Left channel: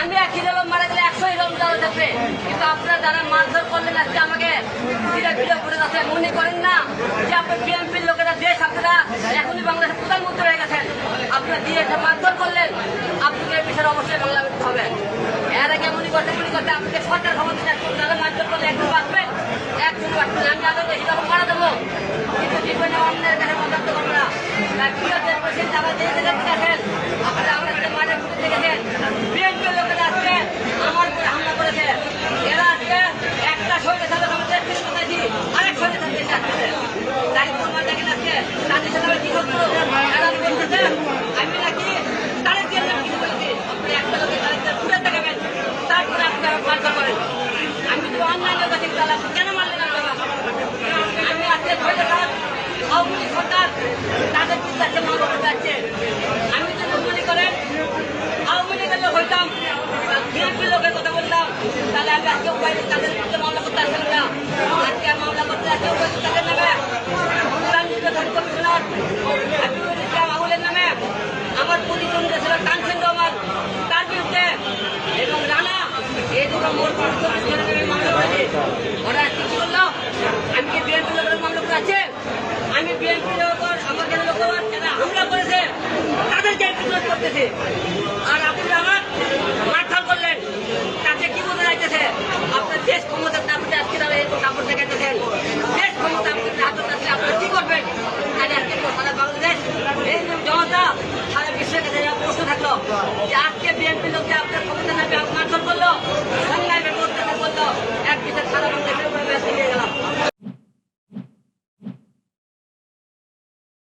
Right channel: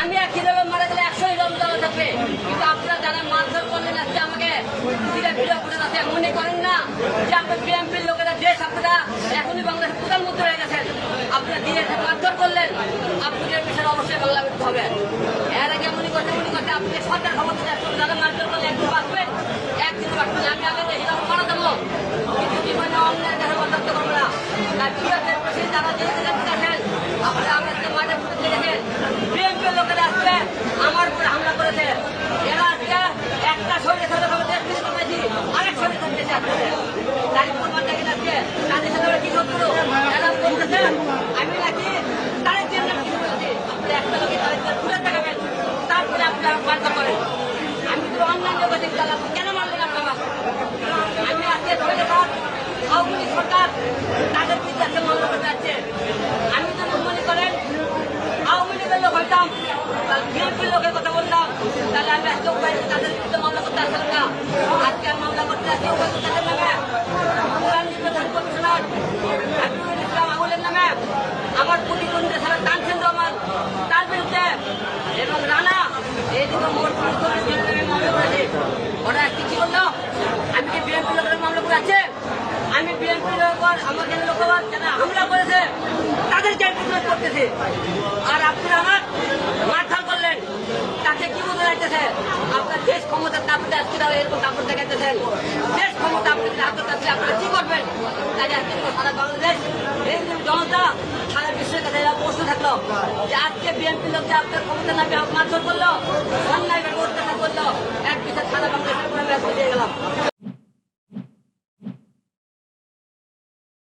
আমি এক কিলো লোক মারা গেলে একশো লোক দেওয়া থাকবে। কিন্তু আপনারা যারা মারধর করলেন আজকে মনে করেন না যে আপনার বিএনপির লোকেরা, দেশ আপনারা এখনই বাংলাদেশের হয়ে গেছেন। আপনারা দিয়ে একটা মারধর করলেন, আপনাদের বিষয়ে অবশ্যই বাংলা হবে। এর মনে করতে মনে করতে, আপনাদের সরকার ক্ষমতা মারধর করলে একদিন বাঁচবেন একদিন বাঁচবেন আমি আগে বেশি তারা মারা দেবো কিন্তু জীবনে অন্যের কাছে বরদাস্ত করব না না ঠিক আছে প্রেসিডেন্ট যারা যে রেজাল্ট দেখেন আপনারা আমাদের মাঝে ঘুরতে দেখেন বিএনপির লোকেরা আজকে আমার উপরে হামলা করেছে এরা আজকে একটা সঙ্গে থাকে আমাদের কিন্তু বেশি আরেক সঙ্গে থাকে বেশি আসছে গাড়ি করবার নাকি আজকে তাদের সাথে আমরা কি করছ এরা বলতেছে আমি নাকি তাদের দিয়ে কিছু বলছি আপনি একটা লোকে তাদের দিয়ে ঘুরে দেখাবেন তারপরে আপনারা মারধর করেন আমি তো অন্যান্য কাছে কেন মারলেন আপনারা আমি আজকে ধরে গেলাম আওয়ামী সরকার তাদের বিরুদ্ধে মামলা করতে যাচ্ছে আমি যদি মনে করেন আওয়ামী লীগের লোক হইতাম বিএনপির লোকের কথা বলতাম তাহলে আমি আজকে তাদের মামলা করতে আসলাম না আজকে মামলা করতে উপায় তাদের নামে অনুদান নির্বাচন কমিশনার হাবিবুল ইসলাম নামে আমার প্রতিদ্বন্দ্বী ছিল তার বিরুদ্ধে এবং রানা এই নামে মামলা করেছে ওরা আজকে কি আমি কি বিএনপি লোকের মামলা করে আছে আমি বিএনপি লোকর আমাকে লোকর যারা হামলা করেছে, তাদেরকে প্রতিরোধ করতেছে আর আপনি আমার মারধর করলেন তাতে কি বোঝা যাইতেছে আপনার ক্ষমতার ক্ষমতা আপনি আজকে তাও এরকম কাপড় দেখাইতেছেন শেষ ক্ষমতা আপনাদের হাতে থাকলে আপনারা কি করবেন? তাই আজকে সারা বাংলাদেশ, এই জনতা, সারা বিশ্বের কাছে প্রশ্ন থাকল যে আজকে বিএনপি লোককে আপনার ক্ষমতা না মারধর করল, অন্যায় করতে করল, এক বিষয় সারা বাংলাদেশের